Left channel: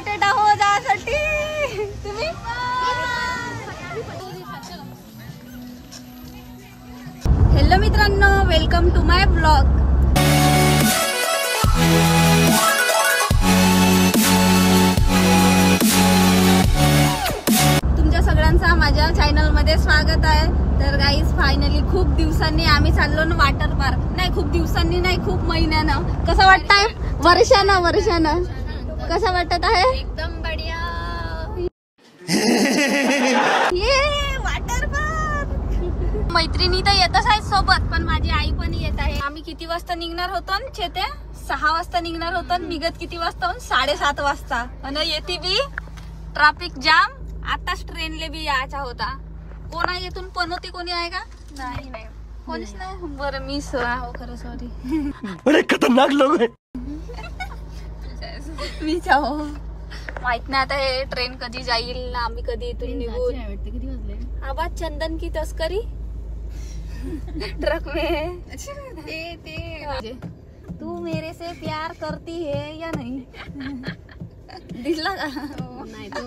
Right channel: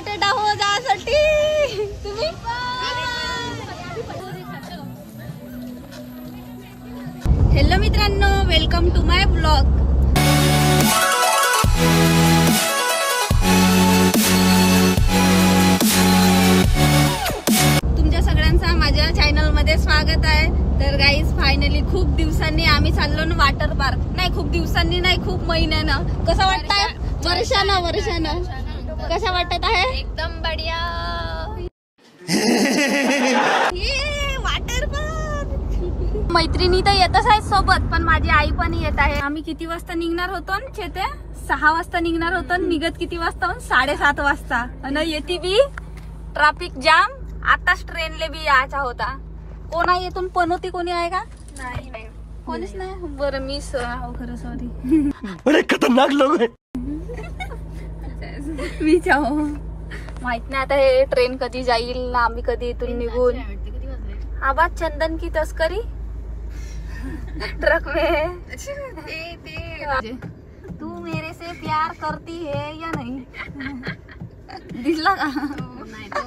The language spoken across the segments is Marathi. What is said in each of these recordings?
एक्साइटेड आहो जासाठी तुम्ही. हॅलो मित्रांनो, वेलकम टू माय ब्लॉग. तुमच्या सगळ्यांचा माझ्या चॅनल मध्ये स्वागत आहे. तर गाईज फायनली खूप दिवसांनी आम्ही चाललो ना वॉटर पार्क. नाही खूप दिवसांनी नाही, खूप महिन्यानं. कसं वाटतंय? वर्षानं कसं वाटत आहे? एकदम बढिया. ये वॉटर पार्क. मैत्रिणी तर येतच आहेत सोबत, पण माझी आई पण येत आहे. आम्ही किती वाजता निघणार होतो ना चेते? 6 वाजता निघणार होतो. निघत किती वाजता? 7:30 वाजता. आणि येते बी ट्रॅफिक जाम. आताच ट्रेनले बी यायचा होता. कोण आहे येथून? पनोती कोणी आहे का? नाही कोणीच नाही. बरं मी खरं सॉरी. बड़े खतरनाक लोग हैं. मी माहित नाही आता हे ट्रेन कधी जाईल, आम्ही कधी इथून निघून. किती वाजले? आवाज चंदन की तस्करी ट्रक में. तू मेरे से प्यार करती है या नहीं? दिसला का? नाही तो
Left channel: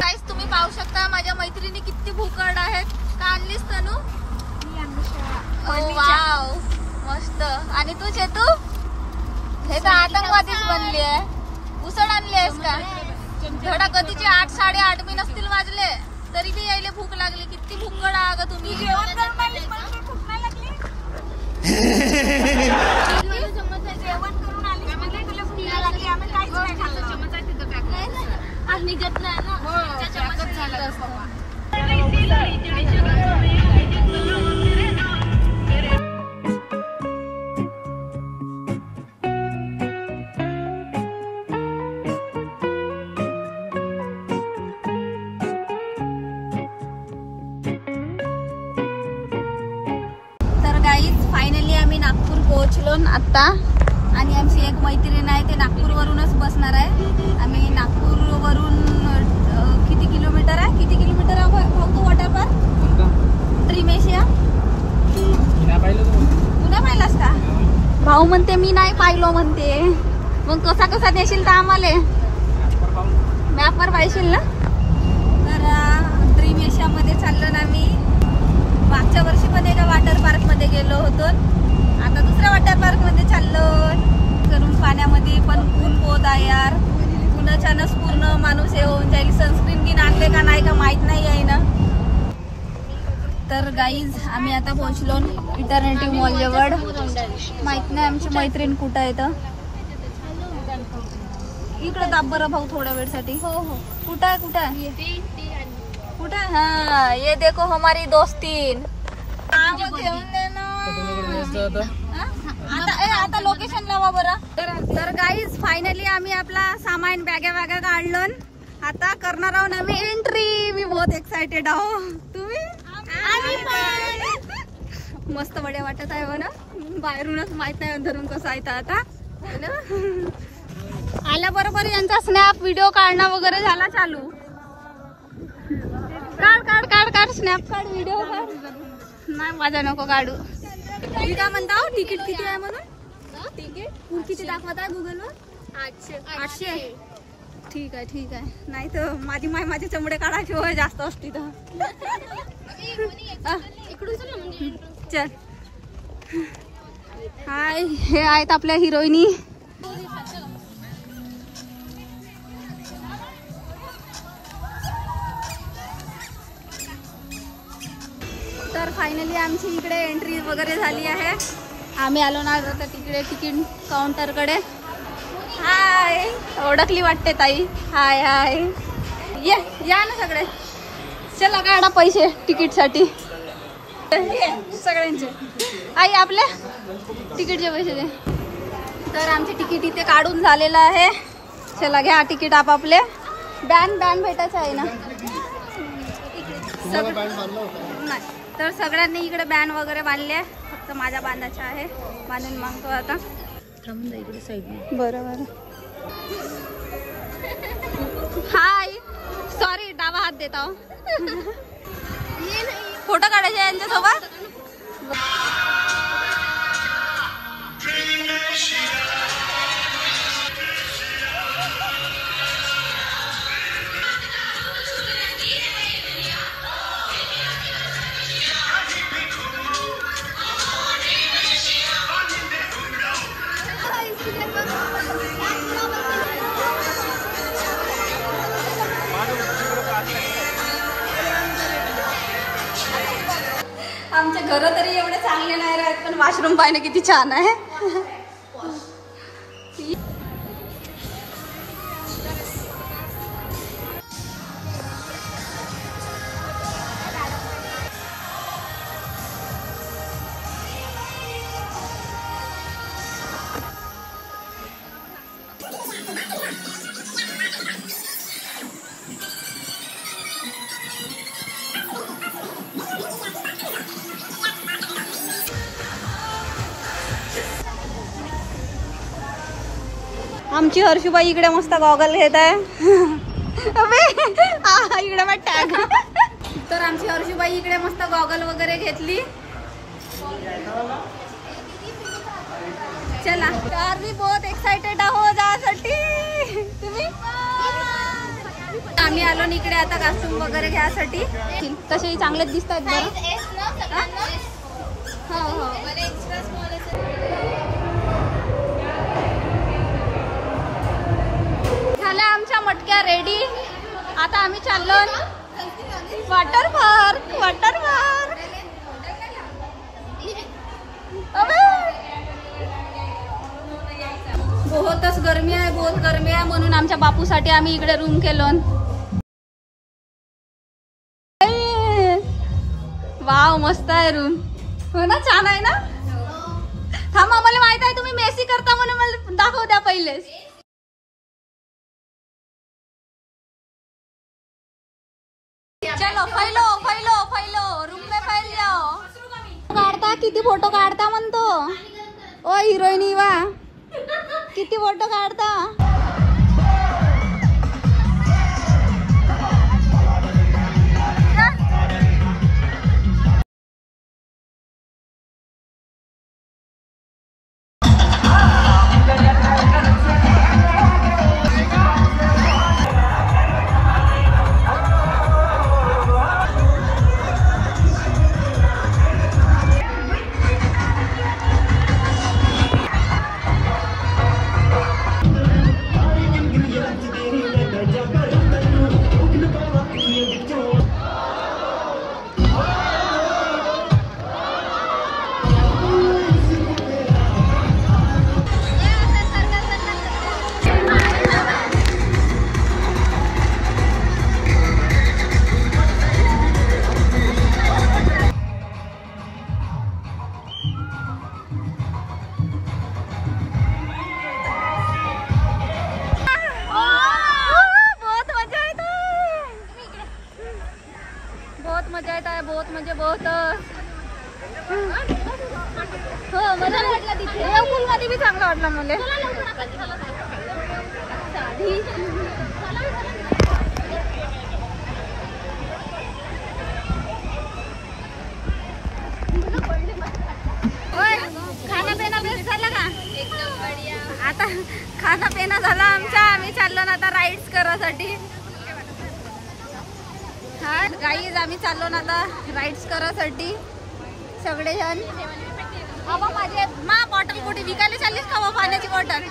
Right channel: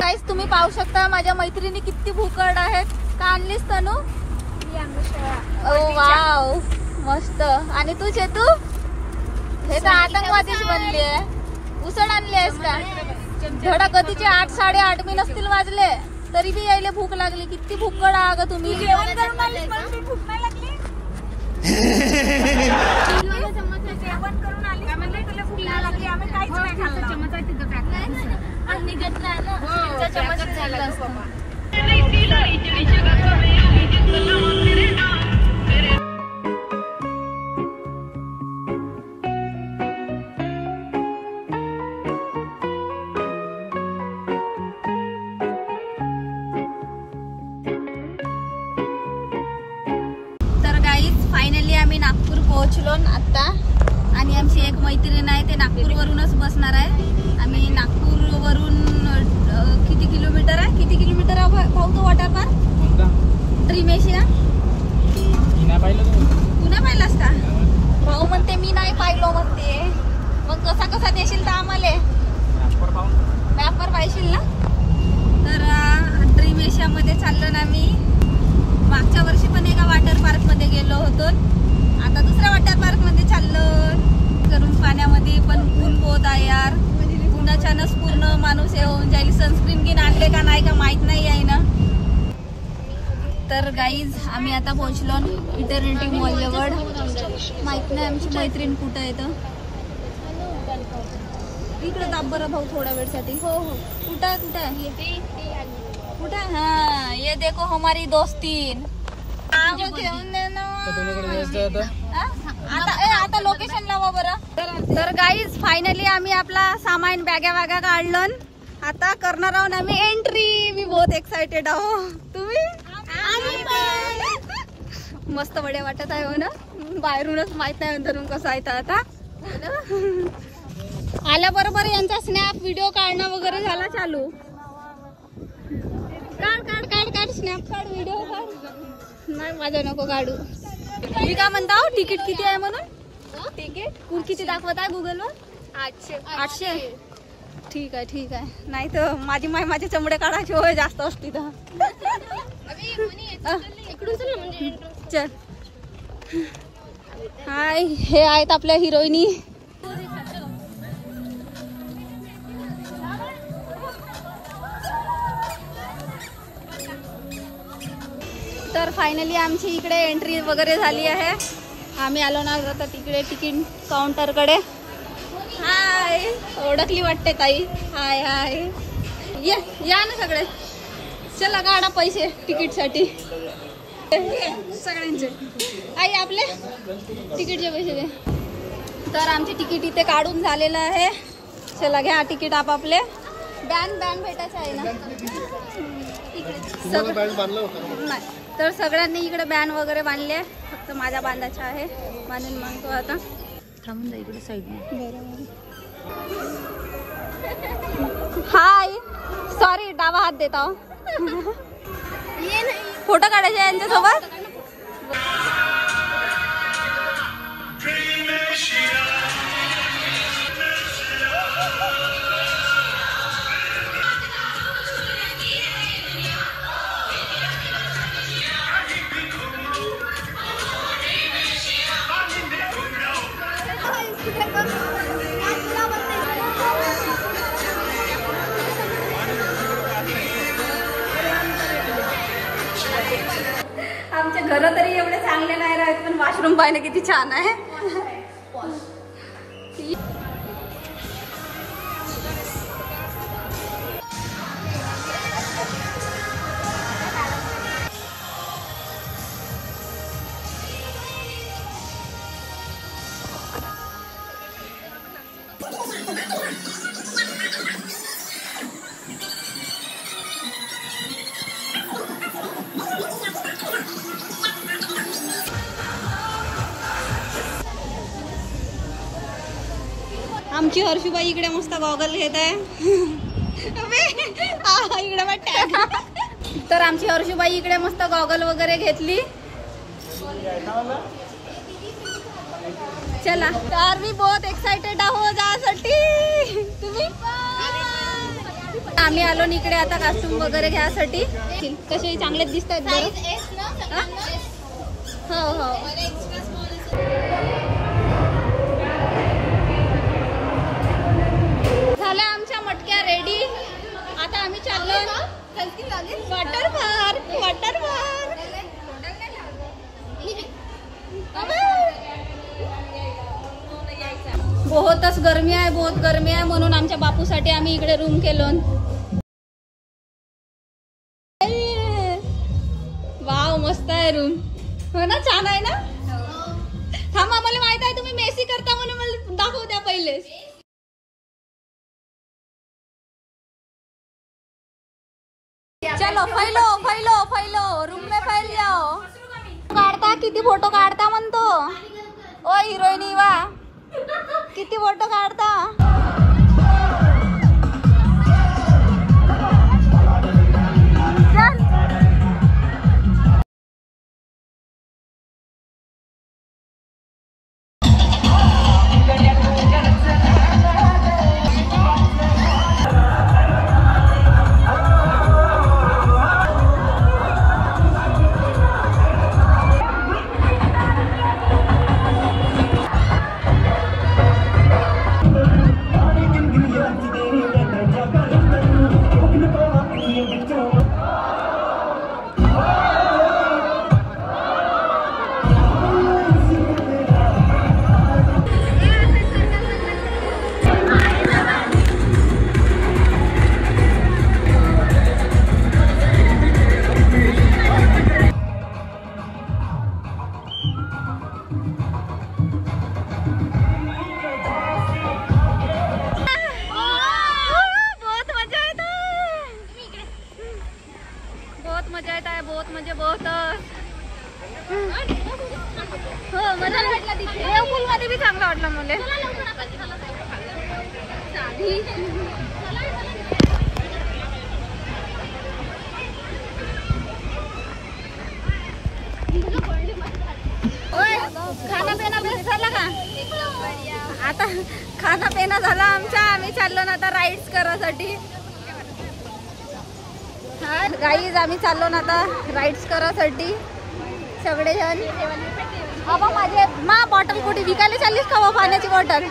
काहीच तुम्ही पाहू शकता माझ्या मैत्रिणी किती भूकड आहेत. का आणलीस तनू? वाव मस्त. आणि तू चेतू? हे तर आतंकवादीच बनली आहे. उसळ आणली आहेस का? धडा कधीचे 8 8:30 मी नसतील वाजले तरी बी यायला भूक लागली. किती भूकड आहे ग तुम्ही. जेवण करून आलीस म्हणून भूक नाही लागली. जेवण करून आलीस म्हणजे तुला भूक नाही लागली. आम्ही काहीच नाही खाल्लं. चमचा आहे तिथं पॅक. आज निघत नाही ना. चमच झाला. फायनली आम्ही नागपूर पोहोचलो आता. आणि आमची एक मैत्रीण आहे ते नागपूर वरूनच बसणार आहे. आम्ही नागपूर वरून किती किलोमीटर आहे? भाऊ तो वॉटर पार्क ड्रीम एशिया पुन्हा पाहिलास का? भाऊ म्हणते मी नाही पाहिलो म्हणते. मग कसा नेशील का आम्हाला? मॅपवर पाहिशील ना. तर ड्रीम एशिया मध्ये चाललो ना मी. मागच्या वर्षी पण एका वॉटर पार्क मध्ये गेलो होतो. आता दुसऱ्या वॉटर पार्क मध्ये चाललो. करून पाण्यामध्ये पण ऊन होत आहे यार. उन्हाच्यानंच पूर्ण माणूस हे होऊन जाईल. सनस्क्रीन बिन आणले का नाही का माहित नाही आहे ना. तर गाईज आम्ही आता पोहोचलो इटर्निटी मॉल जवळ. माहित नाही आमची मैत्रीण कुठं येतं. इकडे दाब बरं भाऊ थोड्या वेळसाठी. हो कुठं आहे? हाँ ये देखो हमारी दोस्तीन. आता लोकेशन लावा बरं. तर गाईज फायनली आम्ही आपला सामान बॅगा काढलो. आता करणार आहोत आम्ही एंट्री. मी बहुत एक्साइटेड आहो. तुम्ही? मस्त बढ्या वाटत आहे हो ना. बाहेरूनच माहित नाही अंदरून कसं आहे. आता आल्याबरोबर यांचा स्नॅप व्हिडिओ काढणं वगैरे झाला चालू. काढ स्नॅप काढ, व्हिडिओ काढ. नाही माझा नको काढू. मी काय म्हणता तिकीट किती आहे म्हणून? तिकीट किती दाखवत आहे गुगलवर? 800. ठीक आहे. नाही तर माझे चमडे काढायचे होय जास्त असती तर. चल हाय हे आहेत आपल्या हिरोईनी. तर फायनली आमची इकडे एंट्री वगैरे झाली आहे. आम्ही आलो ना आता तिकडे तिकीट काउंटर कडे. हाय ओळखली वाटते ताई. हाय या ना सगळे. चला काढा पैसे तिकीट साठी सगळ्यांचे. आई आपले तिकीटचे पैसे दे. तर आमचे तिकीट इथे काढून झालेलं आहे. चला घ्या तिकीट आपापले. बॅन भेटायचं आहे ना. नाही तर सगळ्यांनी इकडे बॅन वगैरे बांधले. फक्त माझ्या बांधायचा आहे. बांधून मागतो आता. थांबून जा इकडे साईडने. बरोबर. हाय सॉरी डावा हात देता. फोटो काढायचे यांच्यासोबत. आमचे घर तरी एवढे चांगले नाही राहत पण वॉशरूम पाहिलं किती छान आहे. आमची हर्षुबाई इकडे मस्त गॉगल घेत आहे. इकडे मग टॅग. तर आमची हर्षुबाई इकडे मस्त गॉगल वगैरे घेतली. चला तर मी बहुत एक्साइटेड आहो जासाठी. तुम्ही आम्ही आलो इकडे आता कॉस्ट्युम वगैरे घ्यासाठी. कसे चांगलेच दिसत आहेत. हो हो झाल्या आमच्या मटक्या रेडी. आता आम्ही चाललो वॉटर पार्क. वॉटर पार्क बहुतच गरमी आहे. बहुत गरमी आहे म्हणून आमच्या बापूसाठी आम्ही इकडे रूम केलो. वाव मस्त आहे रूम. हो ना छान आहे ना. थांबा मला माहित आहे तुम्ही मेसी करता म्हणून मला दाखव द्या पहिले. चलो फैलो फैलो फैलो रूम में फैल जाओ. काढता किती फोटो काढता म्हणतो. ओ हिरोईनी वा किती फोटो काढता. बहुत म्हणजे बहुत. हो मला वाटलं तिथे पूल मध्ये बी चांगला वाटला मला. खाना पिना बेस्ट झाला का. आता खाना पिना झाला आमचा. आम्ही चाललो ना आता राईड्स करासाठी. हा गाईज आम्ही चाललो ना आता राईड्स करासाठी सगळे जण. बाबा माझे मा बॉटल कुठे विकायला चाललीस का पाण्याची बॉटल.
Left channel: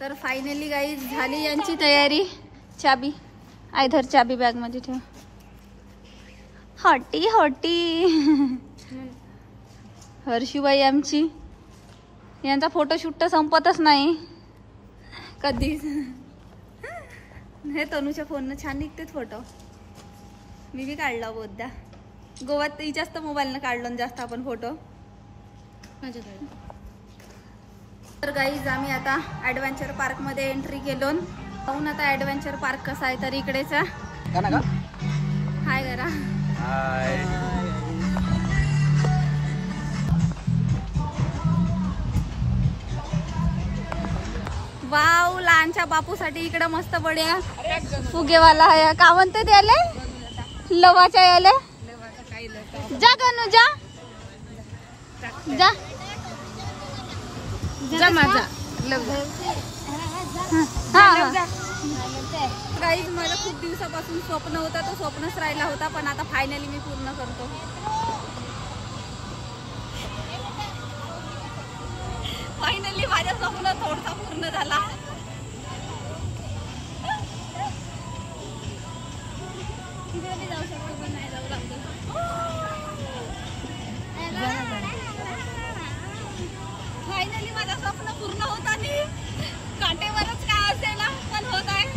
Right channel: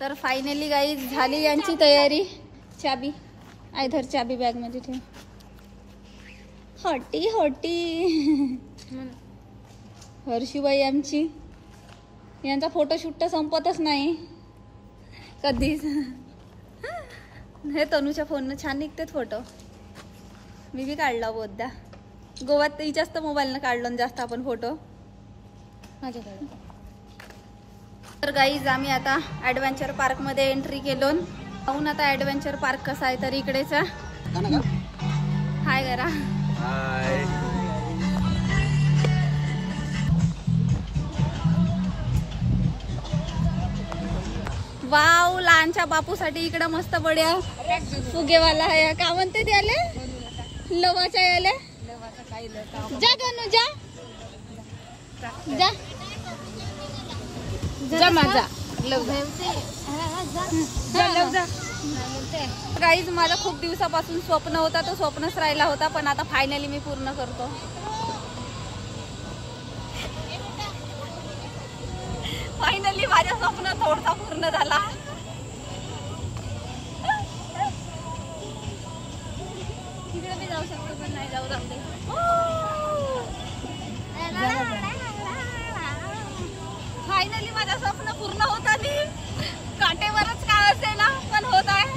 तर फायनली गाईज झाली यांची तयारी. चाबी आयधर चाबी बॅग मध्ये ठेव. हॉटी हॉटी हर्षूबाई आमची, यांचा फोटोशूट तर संपतच नाही कधीच. हे तनूच्या फोननं छान निघतात फोटो. मी बी काढला बहुधा. गोव्यात जास्त मोबाईलनं काढलो जास्त आपण फोटो माझ्याकडे. तर गाईज आम्ही आता ॲडव्हेंचर पार्क मध्ये एंट्री केलो. पाहून आता ॲडव्हेंचर पार्क कसा आहे. तर इकडेच हाय करा. वाव, लहानच्या बापूसाठी इकडं मस्त बढिया फुगेवाला आहे. का म्हणते त्याले लवाच्या याले. जा गणू जा जा जा माझा गाईज. माझा खूप दिवसापासून स्वप्न होता, तो स्वप्नच राहिला होता, पण आता फायनली मी पूर्ण करतो. फायनली माझं स्वप्न थोडसा पूर्ण झाला. जाऊ शकतो पण नाही जाऊ लागतो. फायनली माझं स्वप्न पूर्ण होत आली. काटेवरच का असेल पण होत आहे.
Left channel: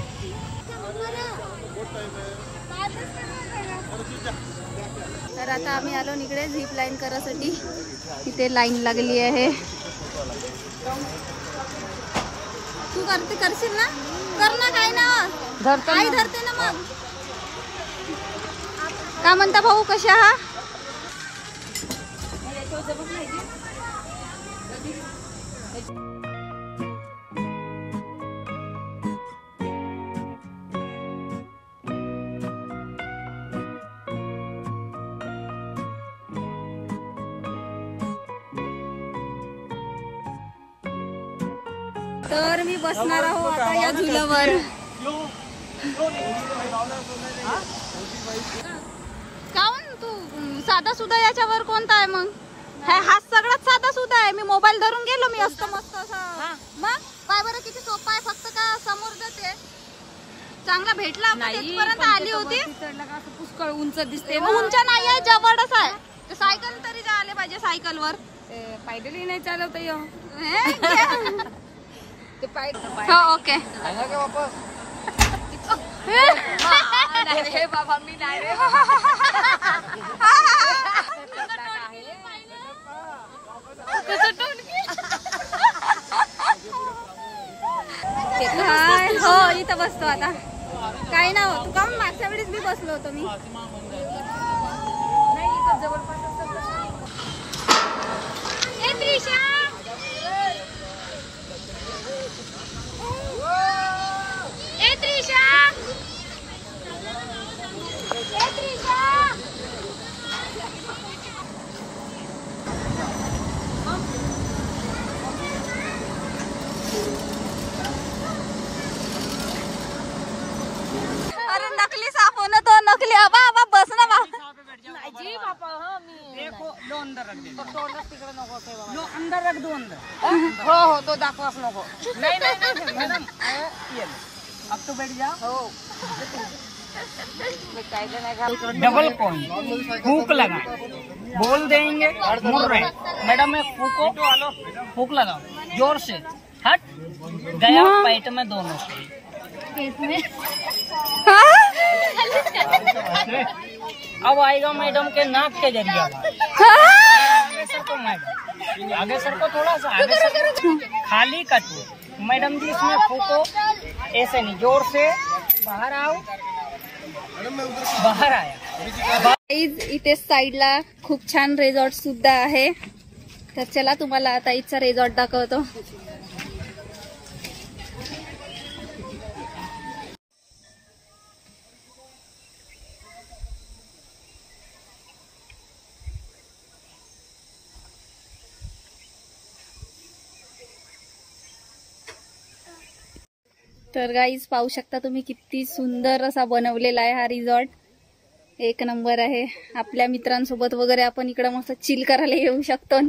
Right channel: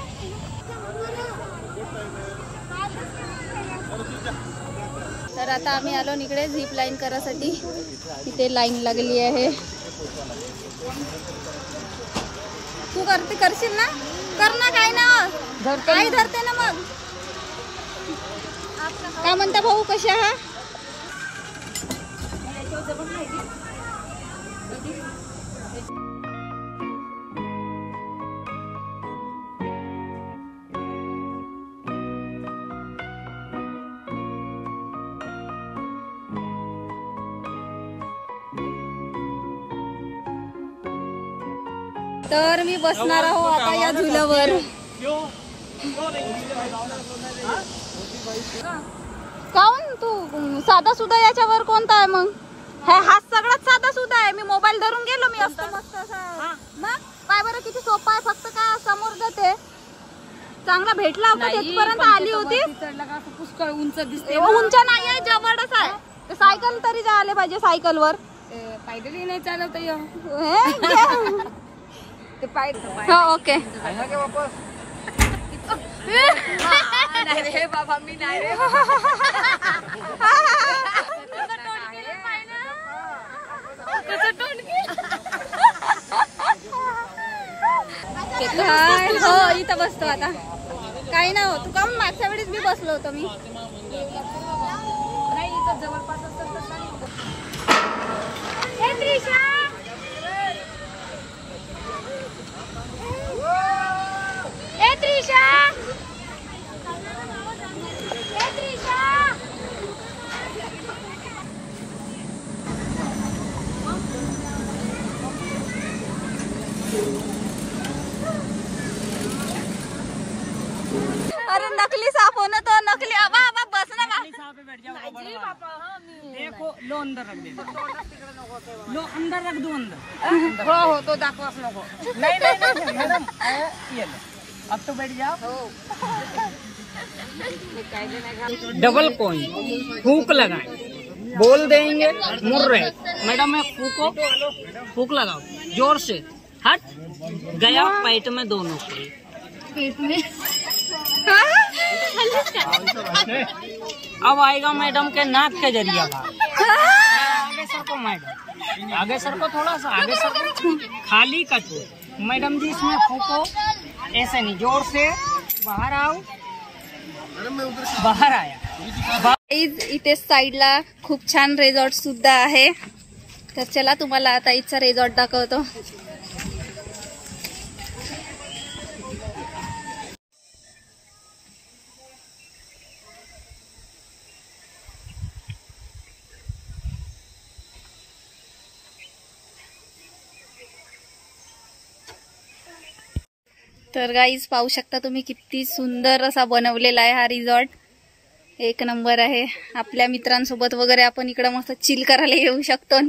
तर आता आम्ही आलो इकडे झिप लाईन करायसाठी. इथे लाईन लागली आहे. तू करशील ना? कर ना. काय ना काही धरते ना. मग का म्हणता भाऊ, कसे आहात? तर मी बसणार आहो आता या झुल्यावर. काऊन तू साधा सुद्धा याच्यावर कोणता आहे मग? हा सगळ्यात साधा सुद्धा आहे. मी मोबाईल धरून गेलो. मी मस्त असा. मग काय बरं किती सोपा आहे. फक्त का समोर जाते. चांगला भेटला होता तिथपर्यंत आली होती. पुष्कळ उंच दिसते. उंच नाही आहे, जबरदस्त आहे. सायकल तरी जायला पाहिजे. सायकलवर पायदळी नाही चालवता येऊ. हो ओके. बाबा मी नाही. हो इथं बसतो आता. काही ना हो. तू का मागच्या वेळेस बी बसलो होतो मी. नाही इथं जवळपास अरे नकली साफ होना तो नकली. अब बस ना देखो लो अंदर रख दे. लो अंदर रख दो. अंदर हो तो दाखवाच नको. नहीं मैडम ये अब तो बैठ जाओ. डबल कॉइन फूक लगाए. बोल देंगे मुड़ रहे. मैडम मैं फूक लगाओ जोर से. हट गया पेट में दोनों पेट में. अब आएगा मैडम के नाक के जरिया. आगे सर को मैडम. आगे सर को थोड़ा सा आगे सर को. खाली कटो मैडम जी. इसमें फूको. ऐसे नहीं जोर से. बाहर आओ. बाहर आया. इथे साईडला खूप छान रिसॉर्ट सुद्धा आहे. तर चला तुम्हाला आता इथचा रिसॉर्ट दाखवतो. तर गाईज पाहू शकता तुम्ही किती सुंदर असा बनवलेला आहे हा रिसॉर्ट. एक नंबर आहे. आपल्या मित्रांसोबत वगैरे आपण इकडे मस्त चिल करायला येऊ शकतो.